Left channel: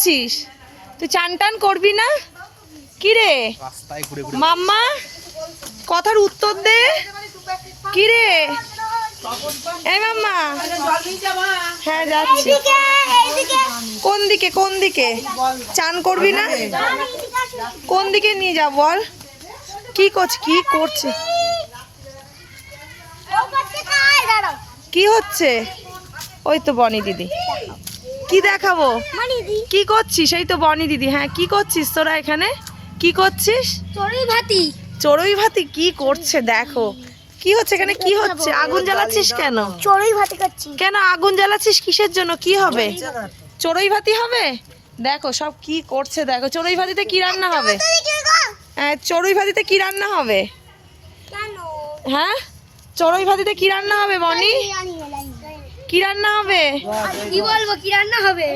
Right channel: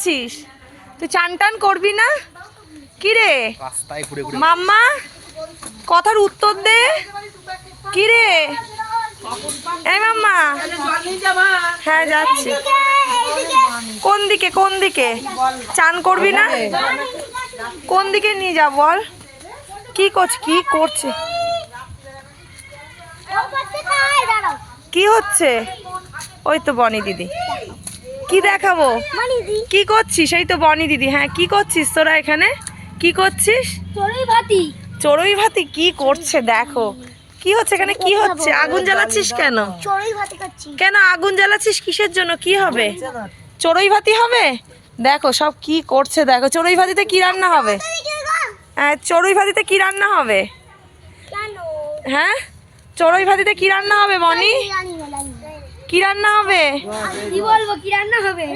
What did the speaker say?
করছিস? তুই চান টান করবি না? কি রে রাস্তায় ঘুরে ঘুরে মাম্মা, কথার উত্তর দে। কি রে এই মাম্মা? হ্যাঁ যাচ্ছি। কোন দিকে কোন দিকে? চান করবি না? কোন দিকে নিয়ে যা বল। কি করছে? কি হচ্ছে? ওই তো বনি দিদি। কি দেখাবো? কি করছিস? এই তো বনি দিদি। হ্যাঁ কি করছিস তোরা এখানে? কি করছিস? চড়ুই ভাতি কি করছে দেখো। কি হচ্ছে এখানে? কি হচ্ছে? আগুন জ্বালাচ্ছিস কেন? কেন আগুন জ্বালাচ্ছিস? কিসের জন্য? কি হবে? চড়ুই ভাতি হবে? দেখো সব কি করছে দেখো। চড়ুই ভাতিতে কি রান্না হবে? হ্যাঁ চড়ুই ভাতিতে কি রান্না হবে? হ্যাঁ চড়ুই ভাতিতে কি রান্না হবে বনি? কি রান্না হবে? কি বলবো কি রান্না হবে?